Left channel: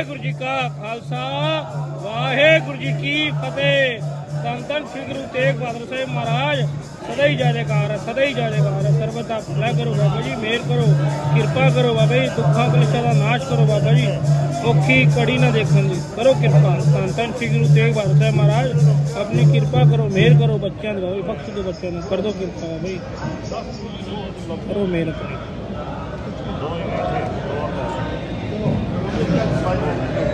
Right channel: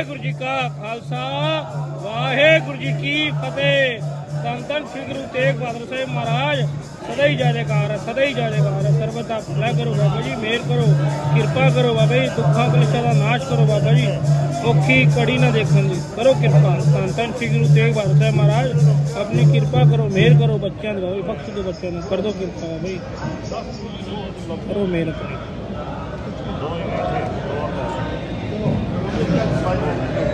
ਵਾਹਿਗੁਰੂ ਜੀ ਕਾ ਖਾਲਸਾ ਵਾਹਿਗੁਰੂ ਜੀ ਕੀ ਫਤਿਹ ਧੰਨ ਧੰਨ ਸ੍ਰੀ ਗੁਰੂ ਤੇਗ ਬਹਾਦਰ ਸਾਹਿਬ ਮਹਾਰਾਜ ਸਦਾ ਹੀ ਜੈ ਜੈਕਾਰ ਹੈ ਸਦਾ ਹੀ ਜੈ ਜੈਕਾਰ ਹੈ ਸਰਬਤ ਦਾ ਭਲਾ ਕਰੋ ਬਾਬਾ ਜੀ ਮਿਹਰ ਕਰੋ ਕਿਰਪਾ ਕਰੋ ਬਾਬਾ ਜੀ ਦੁੱਖਾਂ ਕਲੇਸ਼ਾਂ ਦਾ ਨਾਸ਼ ਕਰੋ ਬਾਬਾ ਜੀ ਔਖੀ ਕੜੀ ਨਾ ਦੇਖਣ ਦੀ ਕਰੋ ਕਿਰਪਾ ਧੰਨ ਧੰਨ ਸ੍ਰੀ ਗੁਰੂ ਤੇਗ ਬਹਾਦਰ ਸਾਹਿਬ ਮਹਾਰਾਜ ਆਪਣੀ ਕਿਰਪਾ ਕਰੋ ਮਿਹਰ ਕਰੋ ਬੱਚਿਆਂ ਦੇ ਬਾਬਾ ਜੀ ਬਖਸ਼ ਦਿਓ ਬੱਚਿਆਂ ਨੂੰ ਕਰ ਦਿਓ ਕਿਰਪਾ ਬਾਬਾ ਜੀ ਕਰੋ ਮਿਹਰ ਕਰੋ Thank you.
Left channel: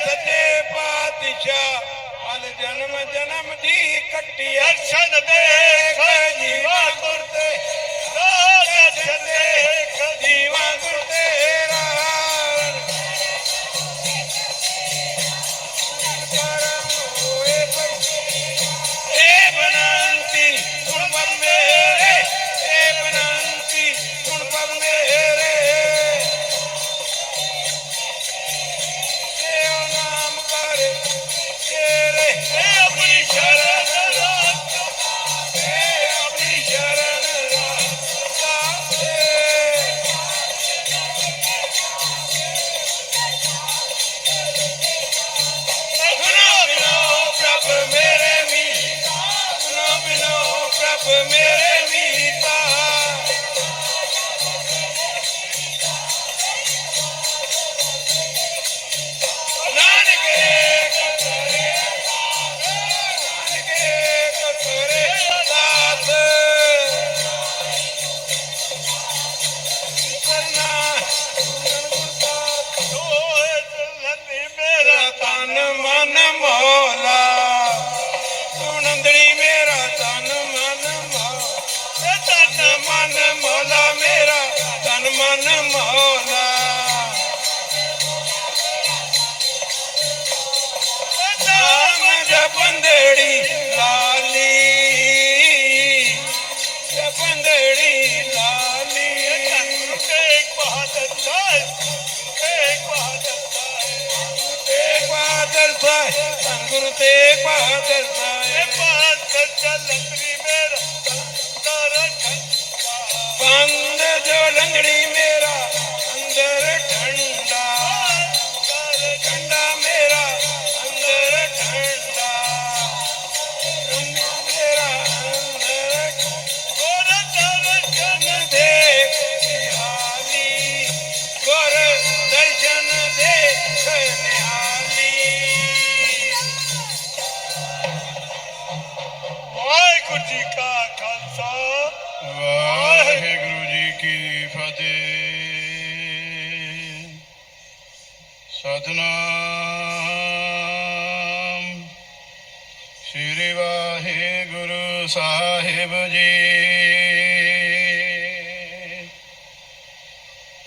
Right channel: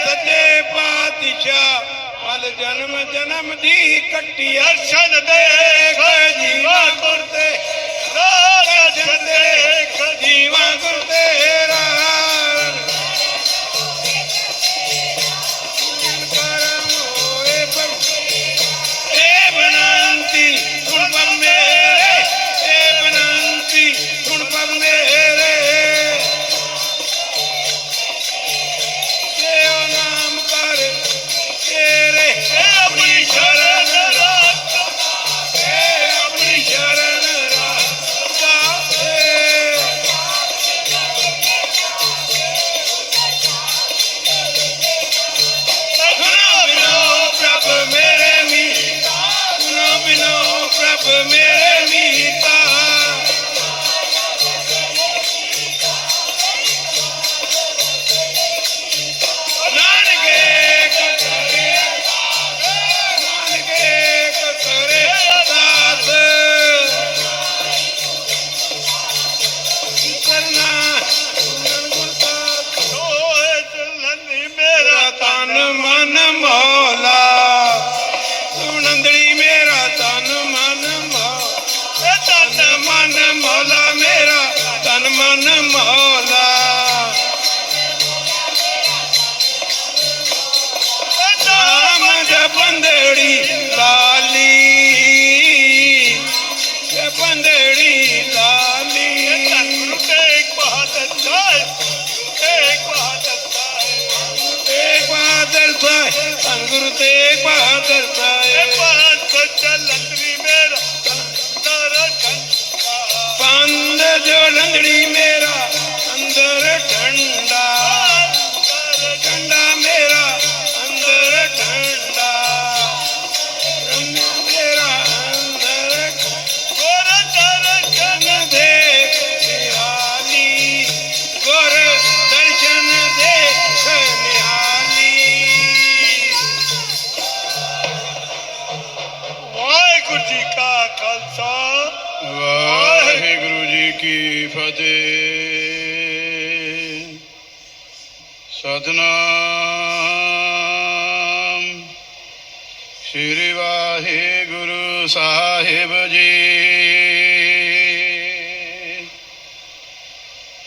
सचे पाती हर जी બંદડી લાલી બંદડી લાલી. એક બહાદર સાહેબ એક બહાદર સાહેબ એક બહાદર સાહેબ અંગુર તે એક બહાદર સાહેબ પાંચ સચ્ચા લંગડી મેરા તારા બંધ જો લંગડી મેરા અંદર ઠંડ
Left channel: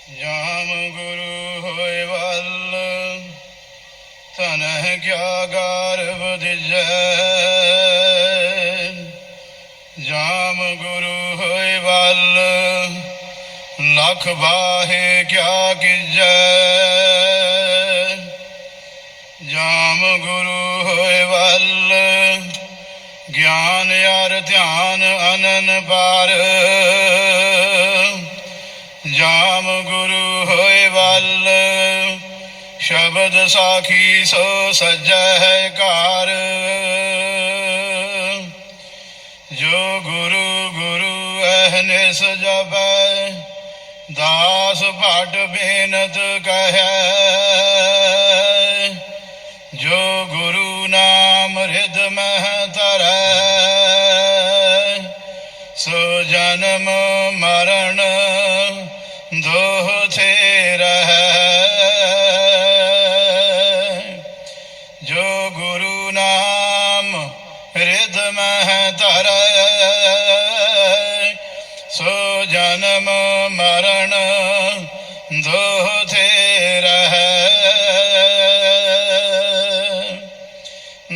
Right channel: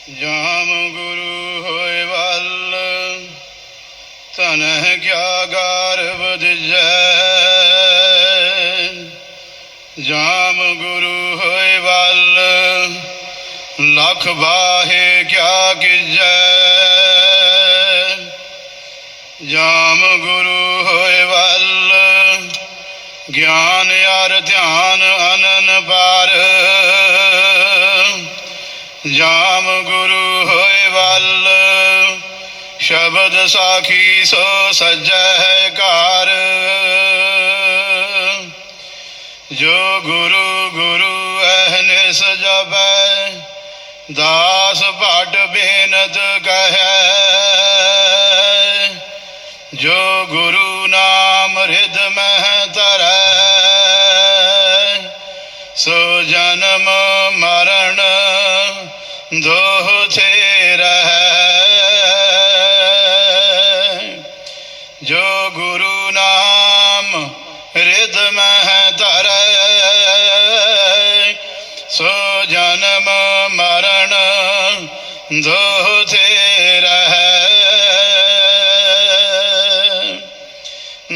ਜਾਮ ਗੁਰੂ ਹੋਏ ਵੱਲ ਤਨ ਕਿਆ ਗਰਭ ਦਿਜੈ। ਜਾਮ ਗੁਰੂ ਹੋਏ ਵੱਲ, ਲਖ ਬਾਹੇ ਕਿਆ ਕੀਜੈ ਜਾਮ ਗੁਰੂ ਹੋਏ ਵੱਲ, ਗਿਆਨ ਯਾਰ ਧਿਆਨ ਅਨਨ ਪਾਰ ਸਾਖੀ ਸੋ ਸਜੈ ਘਰ। जन्म मरण दो रह।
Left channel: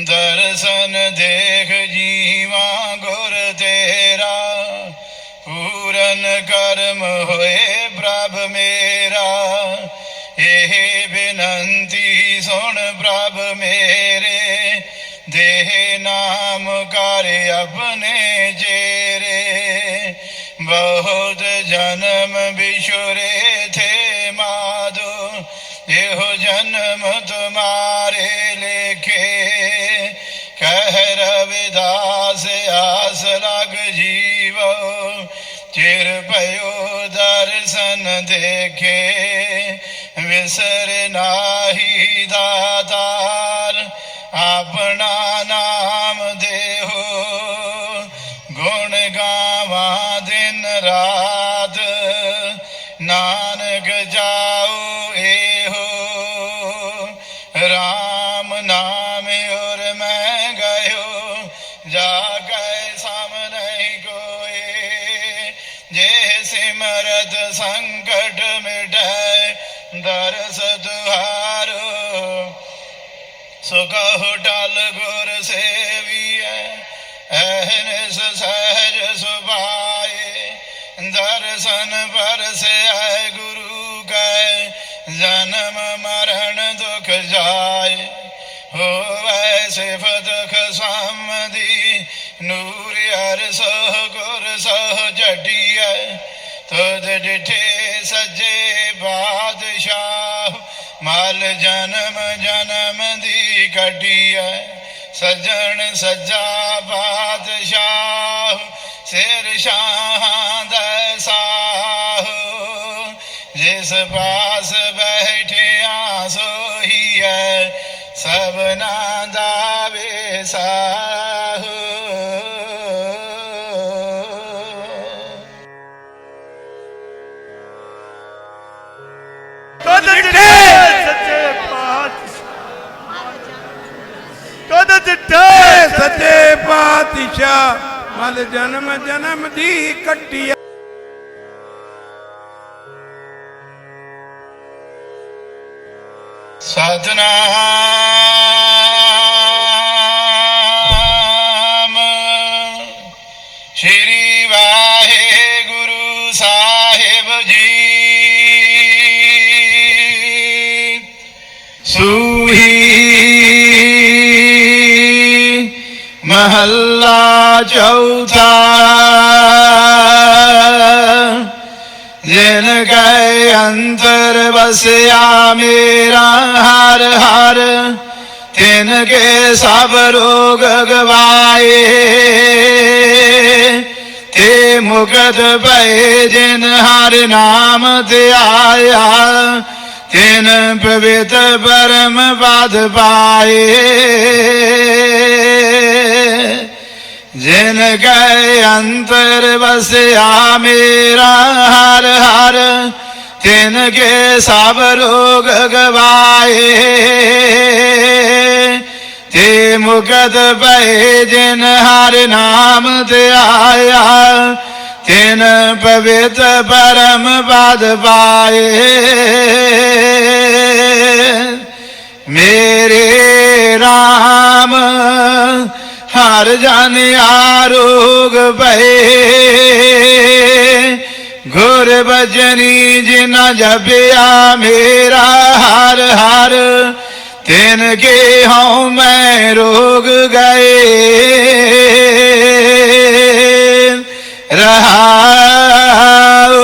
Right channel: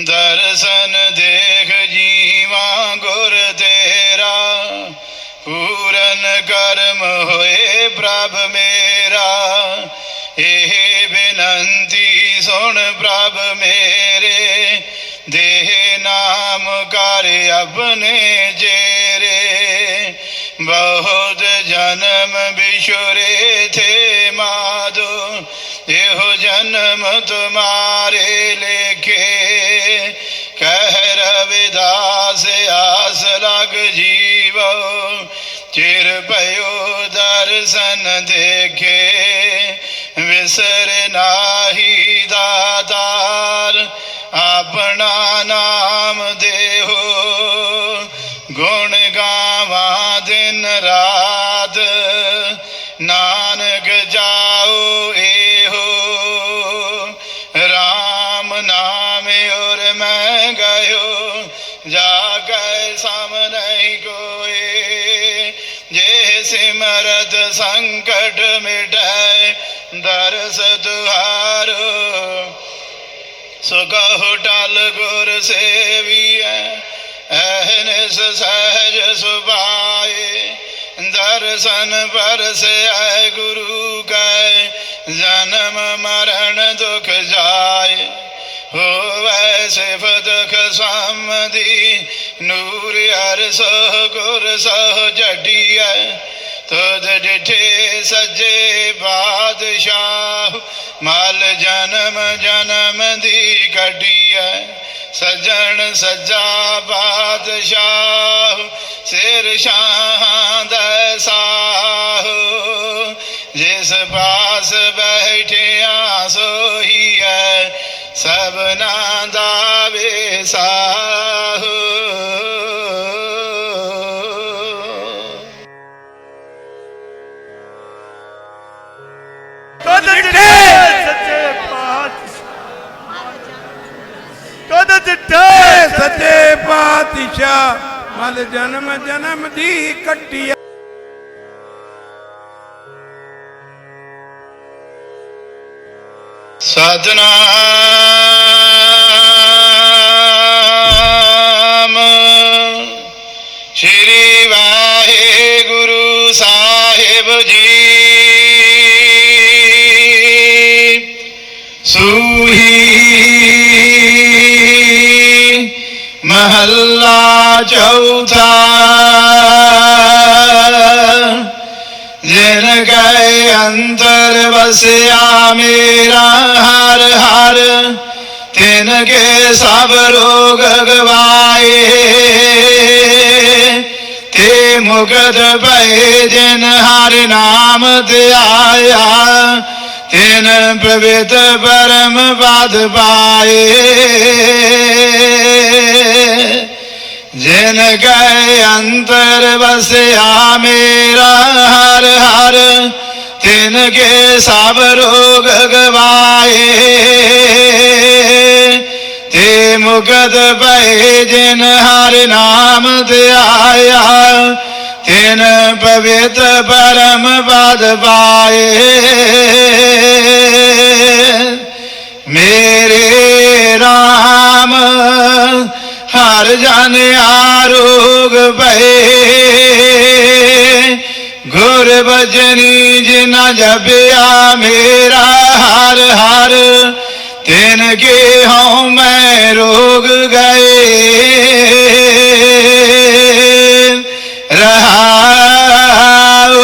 दर्शन देख जीवा गुर तेरा, पूरन कर्म होए प्रभ मेरा। यह विनंती सुन प्रभ मेरे, देह नाम कार्य अपने जे ਬਹੁਤ ਜਨਮ ਬਿਸ਼ੁਰੇ ਥੇ ਮਾਦੋ ਇਹੋ ਜਨਮ ਤੁਮਾਰੇ ਲੇਖੇ। ਕਹਿ ਰਵਿਦਾਸ ਆਸ ਲਗ ਜੀਵੋ, ਚਿਰ ਭਇਓ ਦਰਸ਼ਨ ਦੇਖੇ। ਵਿਸਰ ਨਾਹੀ नाम और मैं गयो जा गए सामने गोए जे सिमरत संकट मिट दर्श तुहारो सुख टल गुर सेविया है सहज सुभाए। दर्शन पर से आए गुरु गए, जन्म मर ਸਿਫਤ ਖਸਾਮਦੀ, ਨੂਰ ਹਰ ਸੋ ਗੁਰ ਸੋ ਜੜੀਐ ਤੁਧ ਡਿਠੇ ਸਜੇ ਬਾਦਸ਼ਾਹ, ਮਲ ਜਨਮ ਜਨਮ ਦੀ ਗੱਡੀਐ ਸਜਣ ਸਜਾ ਬਾਦਸ਼ਾਹ, ਸਿਰ ਸ਼ਾਹਾਂ ਦਾ ਸਾਹ। ਜਿਸ ਪਾਸ ਬੈਠਿਆ ਸੋਹੀਐ ਸਭਨਾ ਤੁਧ ਡਿਠੇ ਸੱਚੇ ਪਾਤਸ਼ਾਹ। ਤੁਧ ਡਿਠੇ ਸੱਚੇ ਪਾਤਸ਼ਾਹ ਮਲ ਜਨਮ ਜਨਮ ਦੀ ਕੱਟੀ ਸਤਨਾਮ महला महल्ला चौथा। जिन गए अंतर बसया मेरा हर हर तिन के सब रोग गवाए। ते मुगत भय जिन हर नाम ते आया। इन पवित परम बाध पाए। जिनके अंतर बसया मेरा, हर हर तिनके सब रोग गवाए। हे मुकद पे जिन हर नाम ते तीन पवित्र परम पद पाए मेरे राम, हर जन आरोग भये गुर बजनी जिना जबिया मेरा हर हर, तीन के हों मैं रोग गए। रहाओ।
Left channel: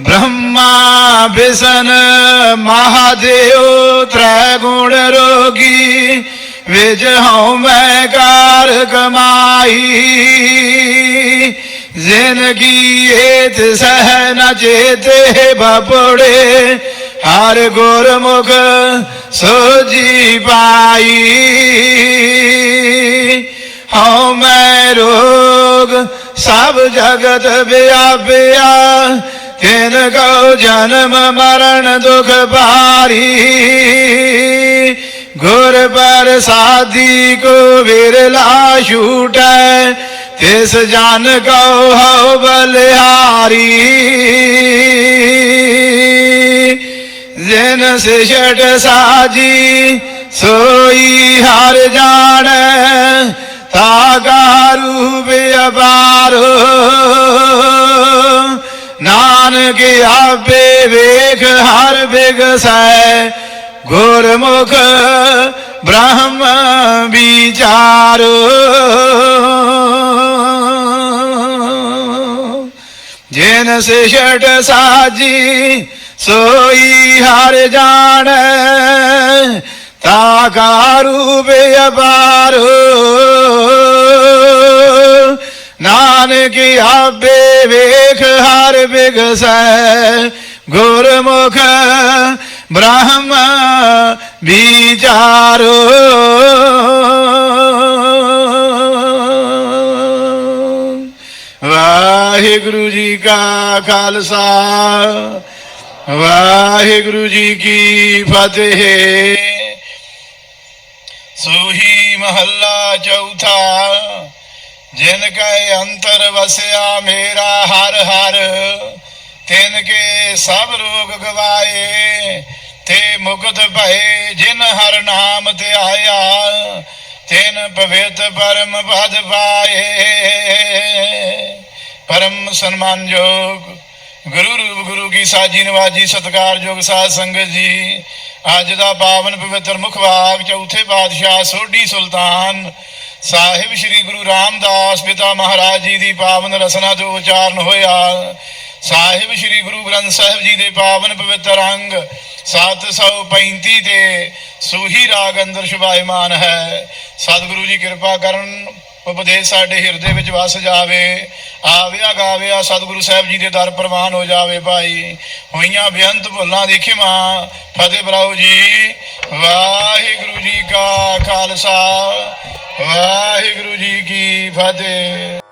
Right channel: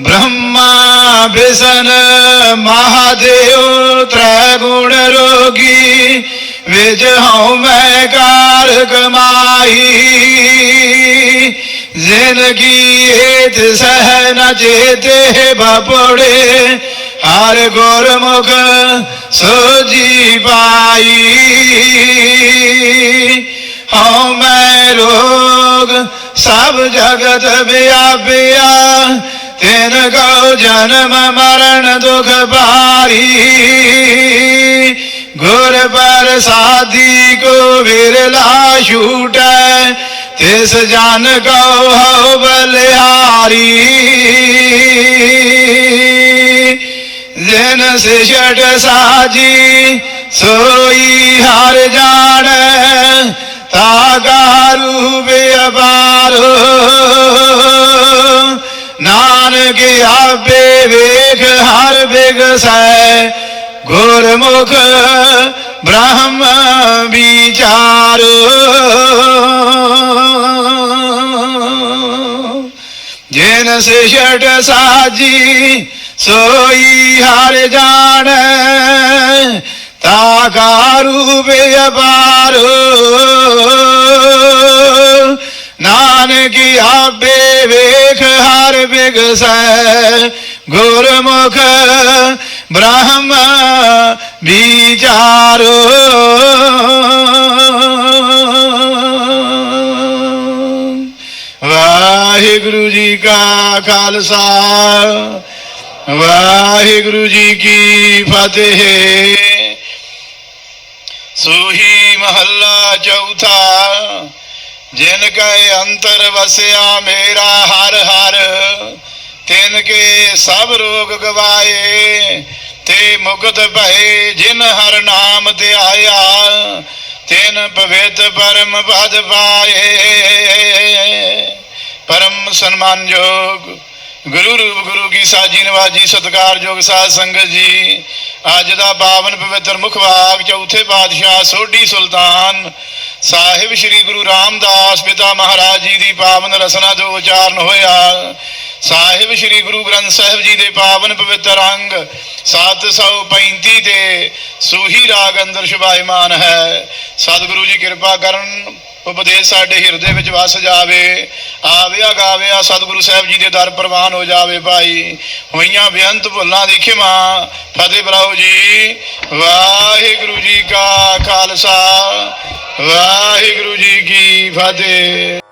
ब्रह्मा विसन महादेव, त्रैगुण रोगी, विज हूँ मैं कार कमाई। ज़िंदगी एत सह न चेत बपोड़े हर गुरमुख सोजी पाई। हूँ, मैं रोग, सब जगत व्यापिया तिन गौ जन्म, मरण, दुख भारी गुर पर साधी को बिरला छूट, तिस जान गौ हो बलिहारी। जिन छठ साजी, सोई हर जान तागारू नान नानक आबे वेग हर बेग साय गुरमुख ब्रह्म विचार। जिन से षट साजी सोई हर जाने। தாகாரு नान नानकी आबे वेख हर बिगस गुरमुख ब्रह्म विचारो वाहिगुरु जी का खालसा, वाहिगुरु जी की फतेह। ਸੋਹੀ ਮਹੱਲਾ ਚੌਥਾ, ਜਿਨ ਕੈ ਅੰਤਰ ਵਸਿਆ ਮੇਰਾ ਹਰ ਹਰ, ਤਿਨ ਕੇ ਸਭ ਰੋਗ ਗਵਾਏ, ਤੇ ਮੁਕਤ ਭਏ ਜਿਨ ਹਰ ਨਾਮ ਧਿਆਇਆ ਤਿਨ ਪਵਿੱਤ ਪਰਮ ਪਦ ਪਾਏ। ਪਰਮ ਸਨਮਾਨਯੋਗ ਗੁਰੂ ਰੂਪ ਗੁਰੂ ਕੀ ਸਾਜੀ ਨਵਾਜੀ ਸਤਕਾਰਯੋਗ ਸਾਧ ਸੰਗਤ ਜੀ। ਅੱਜ ਦਾ ਪਾਵਨ ਪਵਿੱਤਰ ਮੁਖਵਾਕ ਚੌਥੇ ਪਾਤਸ਼ਾਹ ਸੋਢੀ ਸੁਲਤਾਨ ਸਾਹਿਬ ਸ੍ਰੀ ਗੁਰੂ ਰਾਮਦਾਸ ਪਿਤਾ ਮਹਾਰਾਜ ਜੀ ਦੀ ਪਾਵਨ ਰਸਨਾ ਤੋਂ ਉਚਾਰਨ ਹੋਇਆ। ਸਾਹਿਬ ਸ੍ਰੀ ਗੁਰੂ ਗ੍ਰੰਥ ਸਾਹਿਬ ਜੀ ਦੇ ਪਾਵਨ ਪਵਿੱਤਰ ਅੰਗ 735 'ਤੇ ਸੂਹੀ ਰਾਗ ਅੰਦਰ ਸ਼ੁਭਾਇਮਾਨ ਹੈ। ਸਤਿਗੁਰੂ ਜੀ ਕਿਰਪਾ ਕਰਨ ਉਪਦੇਸ਼ ਸਾਡੇ ਹਿਰਦੇ ਵਿੱਚ ਵਸ ਜਾਵੇ, ਆਵਿਆ ਗਾਵਿਆ ਸਤਿਗੁਰੂ ਸਾਹਿਬ ਜੀ ਦੇ ਦਰ ਪ੍ਰਵਾਨ ਹੋ ਜਾਵੇ ਭਾਈ। ਹੋਈਆਂ ਬੇਅੰਤ ਭੁੱਲਾਂ ਦੀ ਖਿਮਾ, ਫਤਿਹ ਬਲਾਓ ਜੀ। ਵਾਹਿਗੁਰੂ ਜੀ ਕਾ ਖਾਲਸਾ, ਵਾਹਿਗੁਰੂ ਜੀ ਕੀ ਫਤਿਹ।